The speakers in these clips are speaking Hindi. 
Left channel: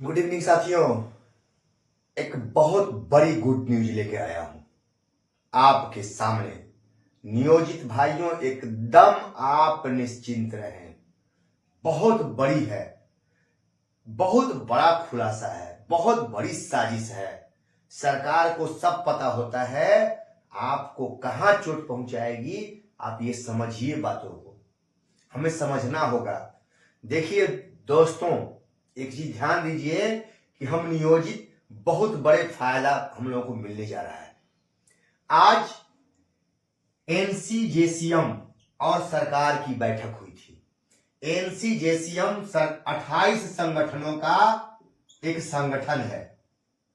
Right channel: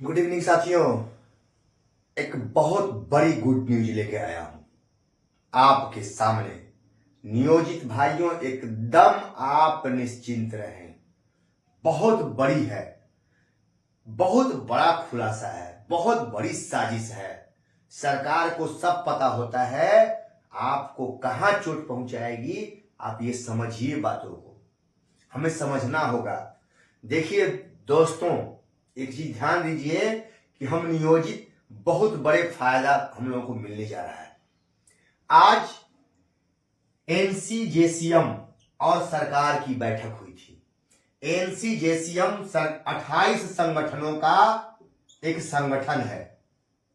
गुड इवनिंग साथियों। एक बहुत बड़ी गुड न्यूज लेके आया हूं आपके सामने। नियोजित भाइयों, एकदम आप निश्चिंत रहें। बहुत बड़ी है, बहुत बड़ा खुलासा है, बहुत बड़ी साजिश है। सरकार को सब पता होता है आपको कहां चोट पहुंचाएगी। आप ये समझिए, बातों को हमें समझना होगा। देखिए दोस्तों, एक चीज ध्यान दीजिए कि हम नियोजित बहुत बड़े फायदा हम लोगों को मिलने जा रहा है। आज एनसीजेसीएम और सरकार की बैठक हुई थी। एनसीजेसीएम 28 संगठनों का एक संगठन है,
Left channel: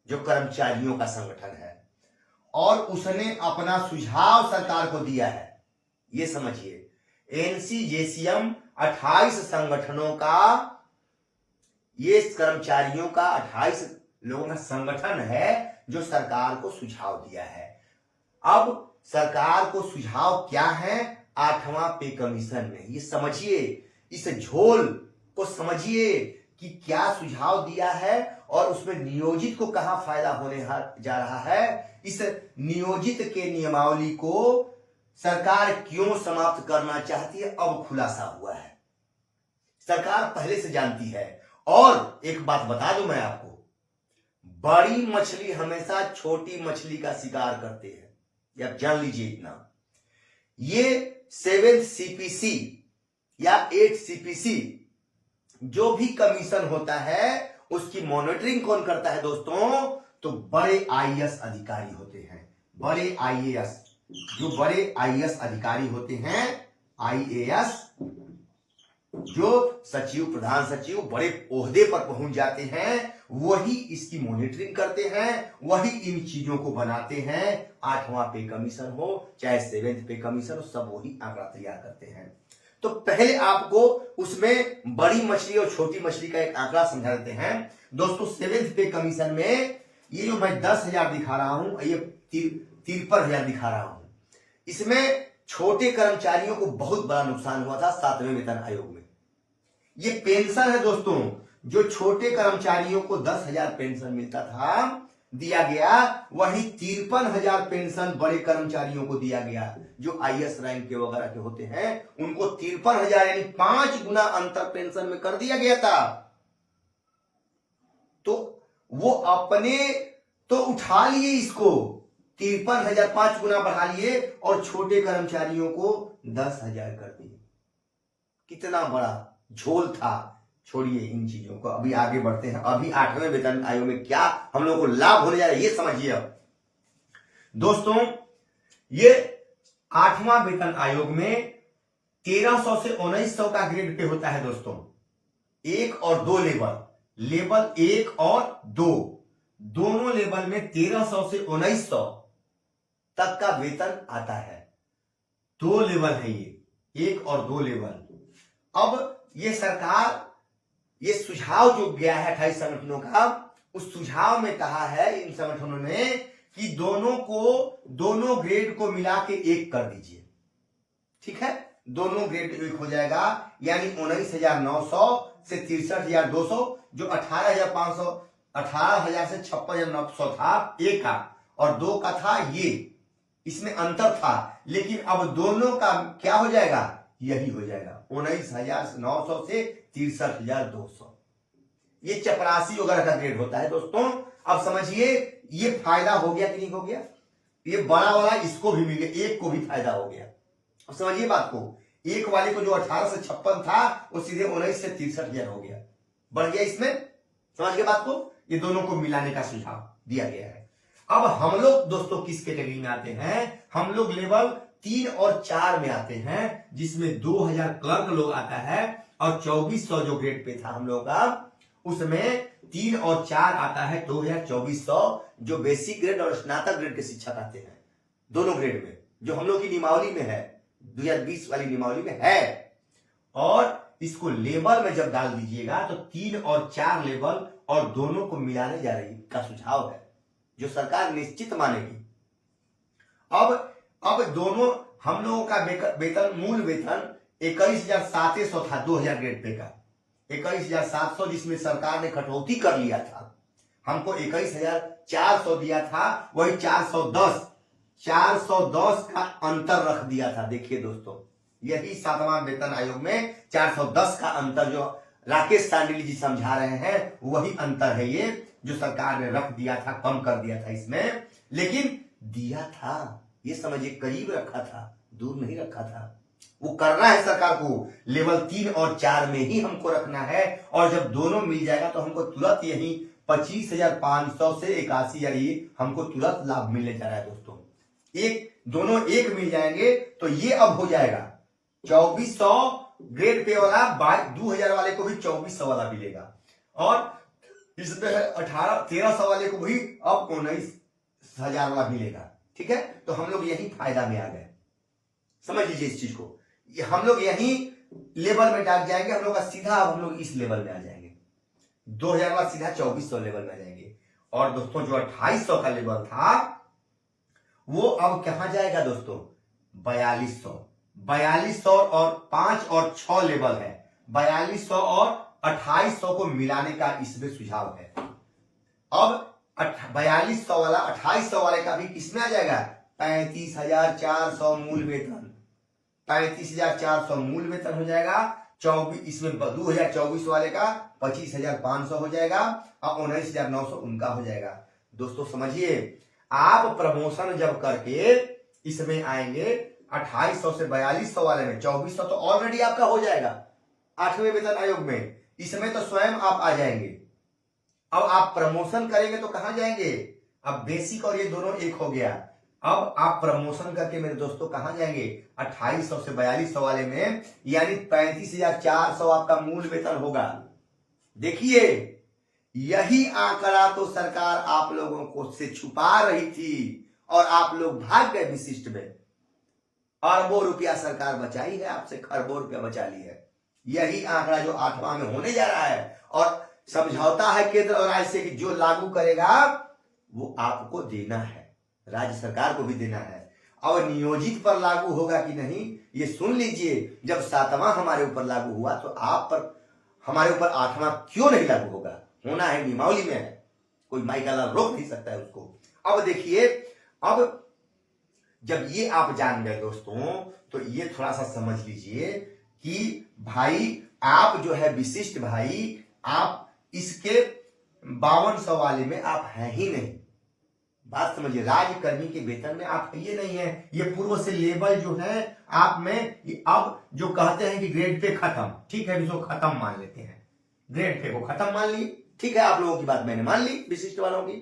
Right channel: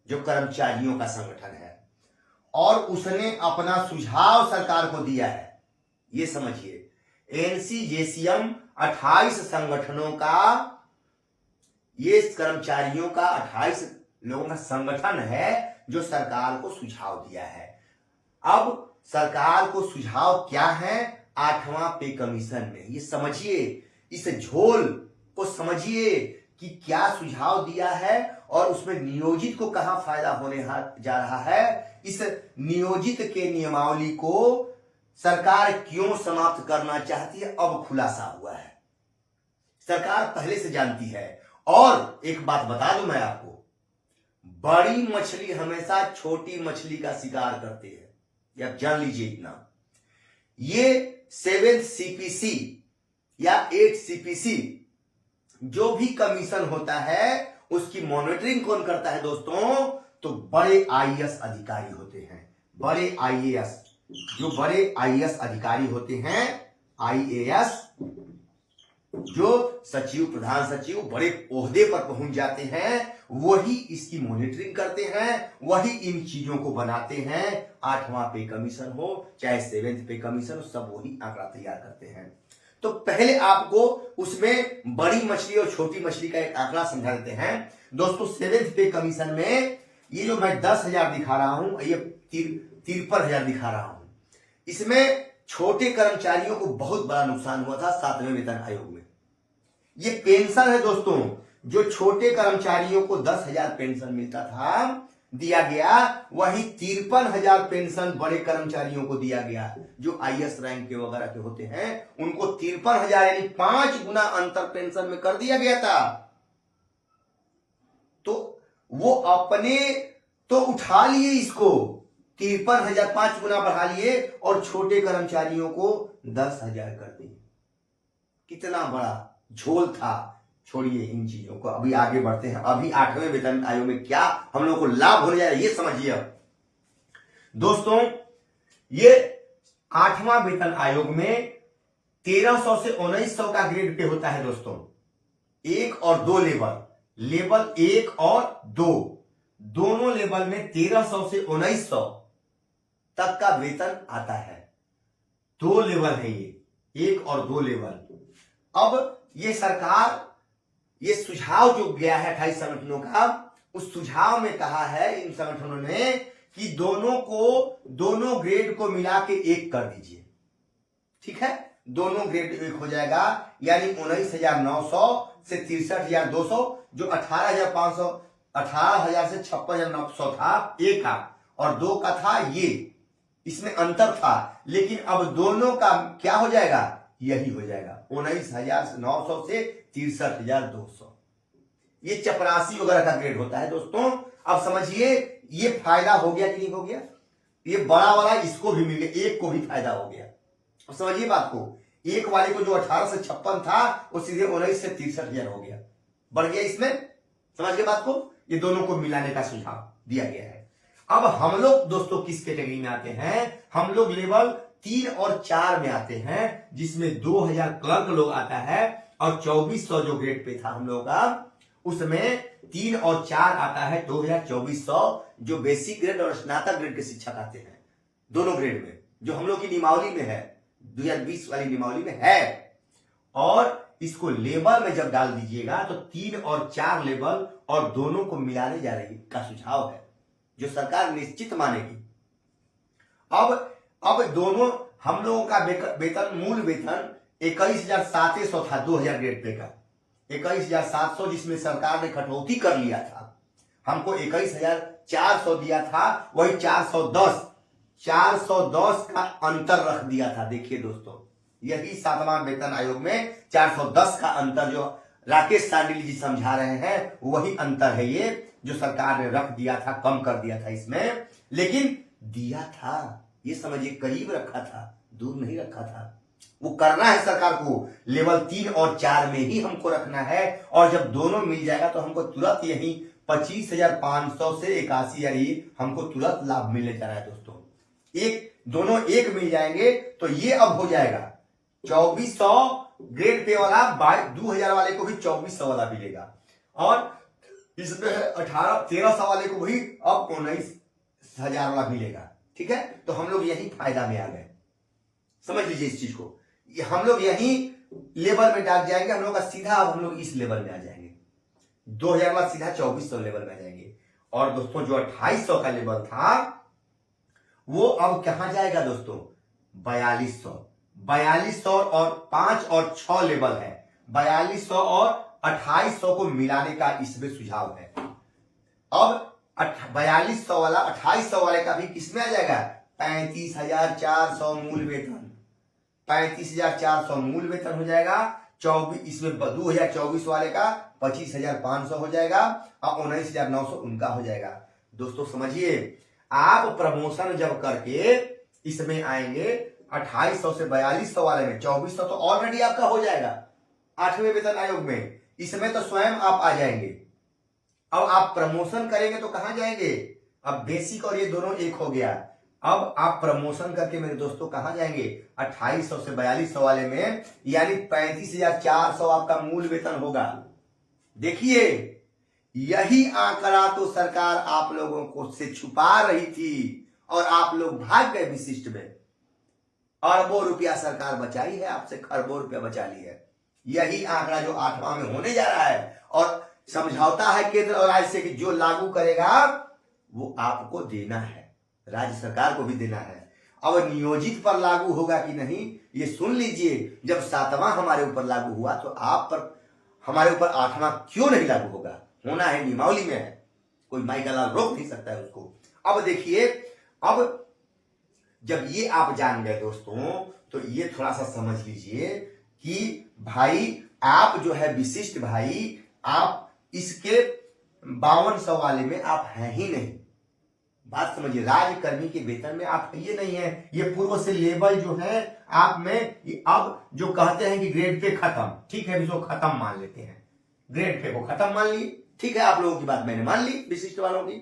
जो कर्मचारियों का संगठन है, और उसने अपना सुझाव सरकार को दिया है। ये समझिए, एनसीजेसीएम 28 संगठनों का, ये कर्मचारियों का 28 लोगों का संगठन है जो सरकार को सुझाव दिया है। अब सरकार को सुझाव क्या है? 8वां पे कमीशन में। ये समझिए, इस झोल को समझिए कि क्या सुझाव दिया है और उसमें नियोजित को कहां फायदा होने जा रहा है। इस नियोजित के नियमावली को सरकार क्यों समाप्त करना चाहती है, अब खुलासा हुआ है। सरकार पहले से जानती है। और एक बात बता दूं मैं आपको, बड़ी मछली हमेशा छोटी मछली का शिकार करते हैं, या जान लीजिए इतना। ये 7th CPC या 8th CPC जो भी कमीशन होता है, उसकी मॉनिटरिंग कौन करता है दोस्तों? तो बड़े आईएएस अधिकारी होते हैं। बड़े आईएएस, जो बड़े आईएएस अधिकारी होते हैं, आईएएस जो सचिव, प्रधान सचिव, बड़े ओहदे पर पहुंच जाते हैं, वही इसकी मॉनिटरिंग करते हैं, वही इन चीजों को बनाते हैं। 8वां पे कमीशन हो चाहे 7th पे कमीशन हो, सब वही आंकड़ा तैयार करते हैं। तो पहले आपको उसमें बड़ी मछली और छोटी मछली का एक आंकड़ा समझा देते हैं दोस्तों। 7th पे कमीशन में ये जो मैं 10,000 दिखा रहा हूं, ये 53,000 दिखा रहा हूं। इसमें छोटे कर्मचारियों को बहुत बड़ा नुकसान हुआ था 7वें वेतन आयोग में। ये पेंशन है दोस्तों, जो छोटे कर्मचारियों को 10,000 पेंशन मिलता था, दिया गया, वही 53,000 पेंशन बड़े कर्मचारियों को दिया गया, जो आईएएस रैंक के वगैरह के होते हैं, उनको 53,000 यानी 5 गुना अंतर पेंशन में कर दिया गया था। तो वो अपने तो उठा लिए इसको, 53,000 5 गुना बढ़ा लिए, और छोटे कर्मचारियों को 10,000 कर दिए। कितना बड़ा झोल था। छोड़िए इन चीजों को, अभी आगे बढ़ते हैं। अभी 8वें वेतन आयोग में क्या हम लोग को लाभ होने जा रहा है, ये समझिए। अब दोस्तों, ये 8वां वेतन आयोग में 1300 से 1900 का ग्रेड पे होता है दोस्तों। 1 और 2 लेवल 1 और 2, दोनों लेवल में 1300 से 1900 तक का वेतन आता है। 2 लेवल है ये, 1 और 2 लेवल। अब ये सरकार, ये सुझाव जो गया है 28 संगठनों का, उस सुझाव में कहा है इन संगठनों ने कि दोनों ग्रेड को मिला के 1 कर दीजिए। ठीक है, दोनों ग्रेड 1 हो जाएगा, यानी 19,900 से 63,200, जो 18,500, 18,000 से 56,900 था 1 का, और 2 का था ये, इसमें अंतर था। लेकिन अब दोनों का क्या हो जाएगा? यही हो जाएगा, 19,900 से 63,200। ये चपरासी वगैरह का ग्रेड होता है दोस्तों। अब समझिए, ये फायदा हो गया कि नहीं हो गया? ये बड़ा वाला इसको भी मिल गया, 1 को भी फायदा हो गया। अब समझिए बात को, 1 वाले को जो 18 से 56 था, वो सीधे 19 से 63,000 हो गया, बढ़ गया इसमें। समझ गए बात को? ये दोनों को मिलाने का सुझाव दिया गया है। अब हम लोग दोस्तों किस कैटेगरी में आते हैं? हम लोग लेवल 3 और 4 में आते हैं, जिसमें 2,000 क्लर्क लोग आता है, और 2400 जो ग्रेड पे था हम लोग का, उसमें 3 और 4 आता है 2,2400, जो बेसिक ग्रेड और स्नातक ग्रेड के शिक्षक आते हैं, दोनों ग्रेड में, जो हम लोग की नियमावली में है, 2020 वाली नियमावली में है। और इसको लेवल में जब डाल दीजिएगा तो 3 और 4 लेवल और दोनों को मिलाने जा रही का सुझाव है, जो सरकार निश्चित मानेगी। अब दोनों हम लोगों का वेतन, मूल वेतन 21,700 था 2000 ग्रेड पे का, 21,700 जिसमें सरकार ने कटौती कर लिया था, हमको 21,400 दिया था, वही 410 का अंतर रख दिया था। देखिए दोस्तों, यही 7वां वेतन आयोग में 410 का अंतर जो राकेश सांडिल जी समझा रहे हैं, वही अंतर है ये जो सरकार ने रख दिया था, कम कर दिया था इसमें। लेकिन दिया था, ये समझिए करीब रखा था, दूर नहीं रखा था। वो करना है सरकार को, लेवल 3 और 4 में ही हमको रखना है। और जब दोनों मिल जाएगा तो हमको तुरंत यही 25,500 से 81,000 हमको तुरंत लाभ मिलने जा रहा है दोस्तों। दोनों एक मिल जाएंगे तो ये अब हो जाएगा 2400 ग्रेड पे वाला, 2,000 वाले को भी 2400 वाला मिलेगा, और इसमें 1300 वाले को भी अब 19,000 वाला मिलेगा। ठीक है, तो हम लोग यही फायदा में आ गए, समझ लीजिए इस चीज को। हम लोग यही लेवल में डाल जाएंगे, हम लोग का सीधा अब हम लोग इस लेवल में आ जाएंगे, 2,000 वाला सीधा 2400 लेवल में आ जाएंगे। और दोस्तों जो 2800 का लेवल था वो अब कहां जाएगा दोस्तों, 4200 और 5 और 6 लेवल है, 4200 और 2800 को मिलाने का इसमें सुझाव है। अब 4200 वाला 2800 वाले का भी किसमें आ जाएगा, 35,400 मूल वेतन, 35,400 मूल वेतन हो जाएगा। 24 इसमें 2024 वाले का 25,500 हो जाएगा और 19,900 उनका हो जाएगा। दोस्तों समझिए, आप प्रमोशन जब करके इसमें आएंगे 2800 से 4200 वाले में, 2400 तो ऑलरेडी आपका हो जाएगा 8वें वेतन आयोग में, इसमें तो स्वयं आप आ जाएंगे। अब आप प्रमोशन करेंगे तो कहां जाएंगे, अब बेसिक और ये दोनों एक हो गया। अब आप प्रमोशन करके मेरे दोस्तों कहां जाएंगे, 2800 से 4200 वाले में, यानी 35,400 आपका मूल वेतन होगा। देखिए, यही आंकड़ा तो सरकार आप लोगों को से छुपा रही थी और आप लोग भाग गए विशिष्ट में। अरबों रुपया सरकार बचाई है आपसे, खरबों रुपया बचा ली है। यही आंकड़ा जो 8वां में होने जा रहा है, और समझौता है केंद्र और राज्य से कि जो लागू करेगा वो आपको देना है, राज्य सरकार को भी देना है। अब नियोजित पर लागू होगा कि नहीं ये सुन लीजिए। जब 7वां हमारे ऊपर लागू हुआ तो आप पर हमारे ऊपर 8वां क्यों नहीं लागू होगा, होना है, नियमावली में है, कोई माई का लाल रोक नहीं सकता है उसको। अब देखिए, अब जब ये आप जान गए दोस्तों, तो ये थोड़ा सा समझ लीजिए कि भाई आप जो है विशिष्ट भाई, आप इसके 5200 वाले में आप हैं ही नहीं। बात समझिए, राज्यकर्मी के वेतन में आप ये नहीं है, ये पूर्व से लेवल जो है आप में, अब जो कहते हैं कि ग्रेड पे खत्म, ठीक है, इसको खत्म मान लेते हैं, ग्रेड पे को खत्म मान लिए, ठीक है, आप लोगों की बात मैंने मान ली विशिष्ट वालों की,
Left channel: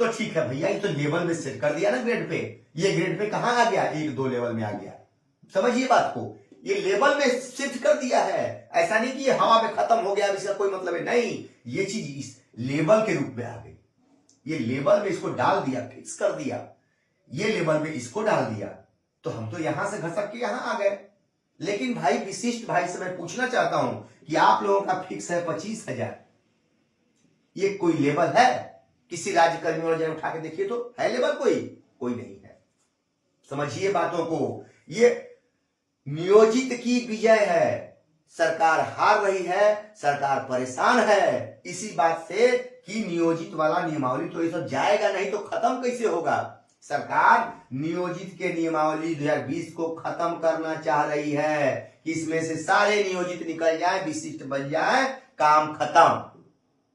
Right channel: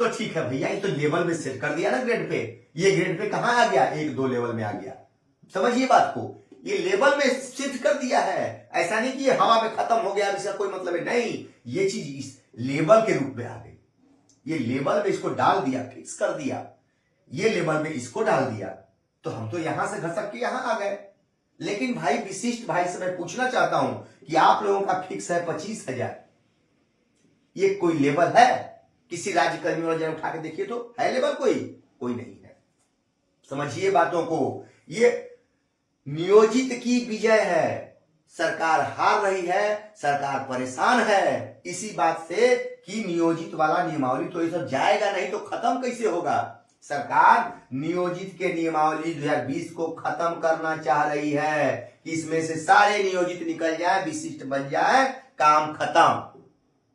तो ठीक है भैया, ये तो लेवल में सेट कर दिया ना ग्रेड पे। ये ग्रेड पे कहां आ गया, 1-2 लेवल में आ गया, समझिए बात को, ये लेवल में शिफ्ट कर दिया है। ऐसा नहीं कि ये हवा में खत्म हो गया, इसका कोई मतलब है नहीं, ये चीज इस लेवल के रूप में आ गई, ये लेवल में इसको डाल दिया, फिक्स कर दिया, ये लेवल में इसको डाल दिया, तो हम तो यहां से घसक के यहां आ गए। लेकिन भाई विशिष्ट भाई से मैं पूछना चाहता हूं कि आप लोगों का फिक्स है 25,000, ये कोई लेवल है, किसी राज्य कर्मी वाले उठा के देखिए तो है लेवल, कोई नहीं है। समझिए बातों को, ये नियोजित की विजय है, सरकार हार रही है, सरकार परेशान है इसी बात से कि नियोजित वाला नियमावली तो ये सब जाएगा नहीं तो खत्म कैसे होगा। सरकार नियोजित के नियमावली 2020 को खत्म करना चाह रही है कि इसमें से सारे नियोजित निकल जाए, विशिष्ट बन जाए, काम खत्म,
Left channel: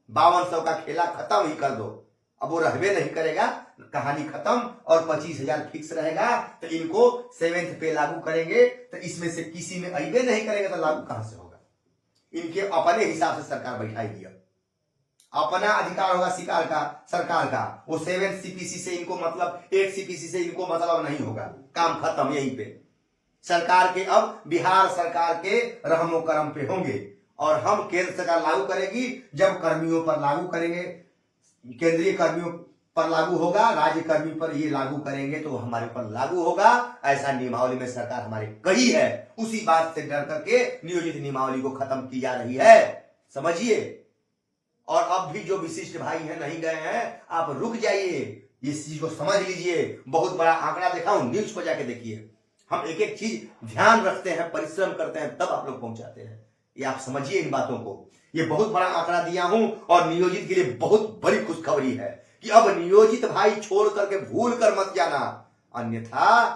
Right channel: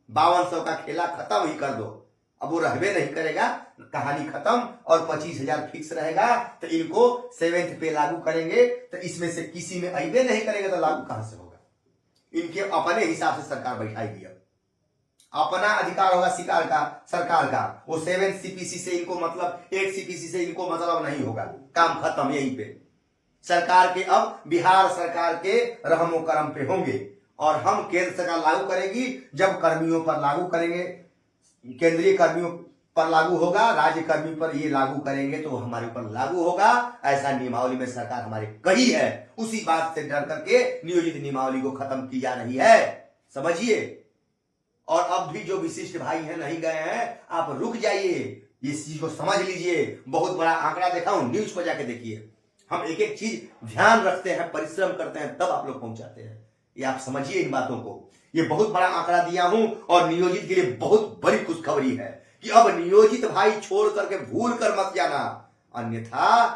5200 का खेला खत्म ही कर दो। अब वो रहबे नहीं करेगा, कहानी खत्म, और 25,000 फिक्स रहेगा, तो इनको 7th पे लागू करेंगे, तो इसमें से किसी में अइबे नहीं करेगा तो लागू कहां से होगा। इनके अपने हिसाब से सरकार बैठाएगी, अपना अधिकार होगा शिकार का, सरकार का, वो 7th CPC से इनको मतलब, 8 CPC से इनको मतलब नहीं होगा, काम खत्म यहीं पे। सरकार के अब बिहार सरकार के रहमो करम पे होंगे, और हम केंद्र सरकार लागू करेगी, जब कर्मियों पर लागू करेंगे, केंद्रीय कर्मियों पर लागू होगा, राज्य कर्मी पर ये लागू करेंगे तो हमारे ऊपर लागू होगा, ऐसा नियमावली में सरकार हमारे कही है। उसी बात से डर करके नियोजित नियमावली को खत्म की जा रही है, समझिए। और अब भी जो विशिष्ट भाई हैं नहीं गए हैं, आप रुक जाइए, इस चीज को समझ लीजिए। बहुत बड़ा आंकड़ा देखा हूं, न्यूज को जाके देखिए, हम एक एक चीज ध्यान रखते हैं, परिश्रम करते हैं, तब आप लोग पहुंचाते हैं। ये आप समझिए इन बातों को। ये बहुत बड़ा आंकड़ा दिया हूं और नियोजित के लिए बहुत बड़ी खुशखबरी है कि अब नियोजित भाई छोड़ करके भूल कर मत जाना, अन्यथा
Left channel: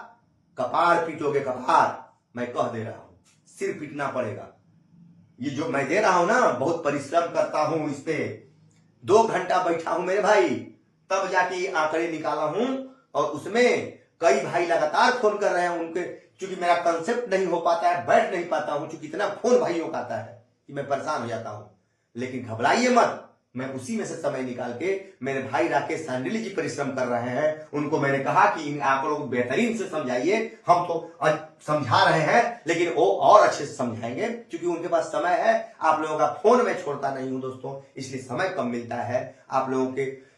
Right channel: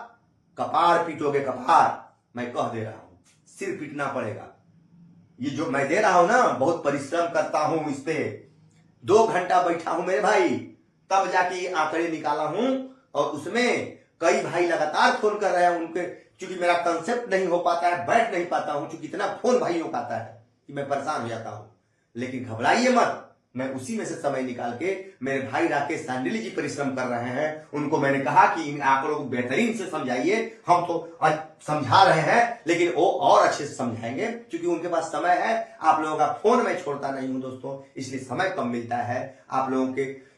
कपार पीटोगे कपार। मैं कह दे रहा हूं, सिर पीटना पड़ेगा। ये जो मैं दे रहा हूं ना, बहुत परिश्रम करता हूं इस पे, 2 घंटा बैठा हूं मेरे भाई, तब जाके ये आंकड़े निकाला हूं। और उसमें कई भाई लगातार फोन कर रहे हैं, उनके क्योंकि मेरा कंसेप्ट नहीं हो पाता है, बैठ नहीं पाता हूं, क्योंकि इतना फोन भाइयों का आता है कि मैं परेशान हो जाता हूं। लेकिन घबराइए मत, मैं उसी में से समय निकाल के, मेरे भाई राकेश सांडिली जी परिश्रम कर रहे हैं, उनको मैंने कहा कि इन आंकड़ों को बेहतरीन से समझाइए। हम तो समझा रहे हैं, लेकिन वो और अच्छे से समझाएंगे, क्योंकि उनके पास समय है। आप लोगों का फोन मैं छोड़ता नहीं हूं दोस्तों, इसलिए समय कम मिलता है। आप लोगों के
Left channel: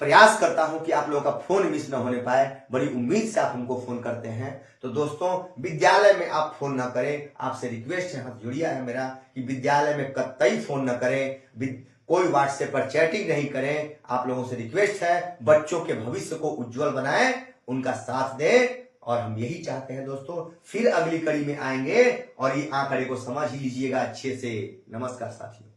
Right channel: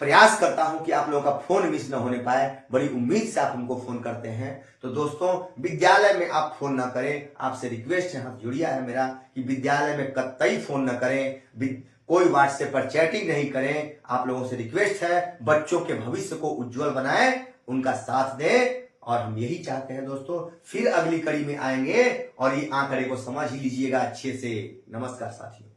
प्रयास करता हूं कि आप लोगों का फोन मिस न होने पाए। बड़ी उम्मीद से आप हमको फोन करते हैं। तो दोस्तों, विद्यालय में आप फोन ना करें, आपसे रिक्वेस्ट है, हाथ जुड़िया है मेरा कि विद्यालय में कतई फोन न करें, कोई व्हाट्सएप पर चैटिंग नहीं करें। आप लोगों से रिक्वेस्ट है, बच्चों के भविष्य को उज्जवल बनाएं, उनका साथ दें। और हम यही चाहते हैं दोस्तों, फिर अगली कड़ी में आएंगे और ये आंकड़े को समझ ही लीजिएगा अच्छे से। नमस्कार साथियों।